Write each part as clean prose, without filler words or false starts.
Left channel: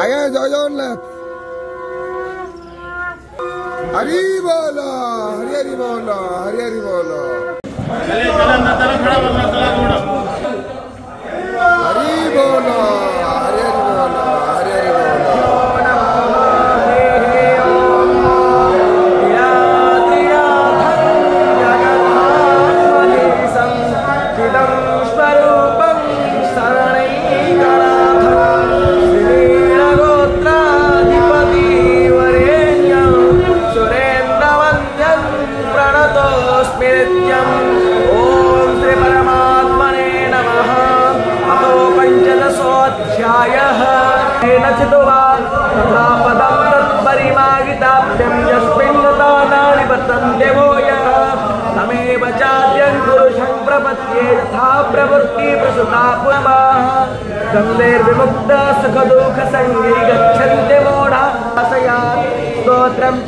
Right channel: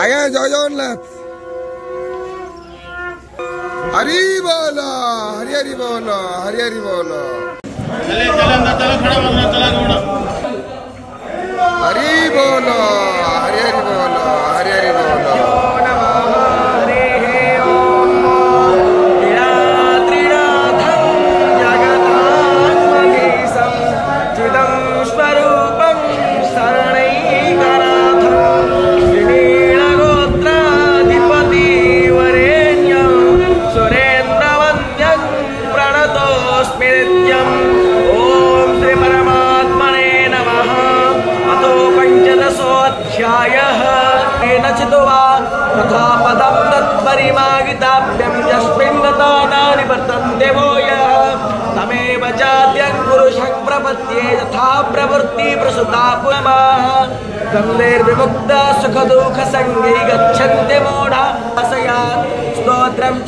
आया जय जगन्नाथ हरि बोलो हरि हरि बोलो हरि हरि बोलो हरि बोलो हरि हरि बोलो हरि हरि बोलो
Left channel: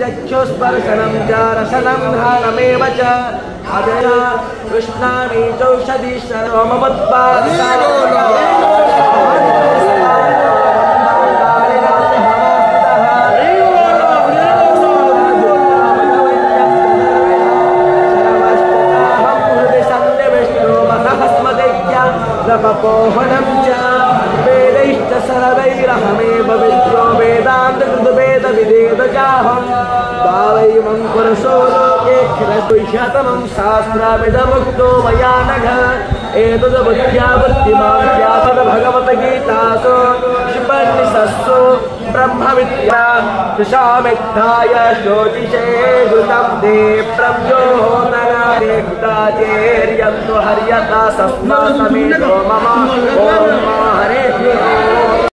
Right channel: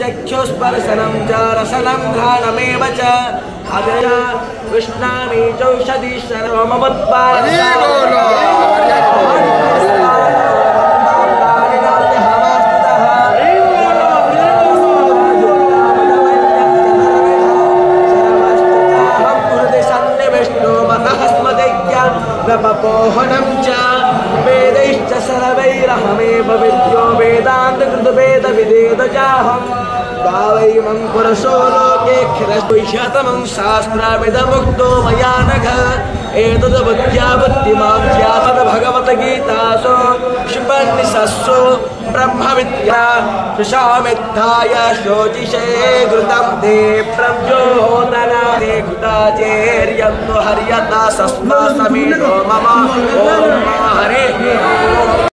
चक्षुस्पर्शनं च रसनं घ्राणमेव च अदया कृष्णानि चौषधि सर्वमवत्पादि पोहनं च वेदैश्च सर्वैरहमेव विद्यो वेदान्तकृतवेदविदेवजाहं दावैमं पुरुषो लोके क्षरशतमं शास्त्रामिदमुक्तो मया नघ एतद्बुद्ध्या बुद्धिमां ज्ञातं भगवद्गीतासु शुपनिषत्सु ब्रह्मविद्या सुषामिद्धाय श्रोतिषे घृतं ते प्रद्योतनादि घृताचेर्यन्तु हर्यता सस्मा समीरो मम ओम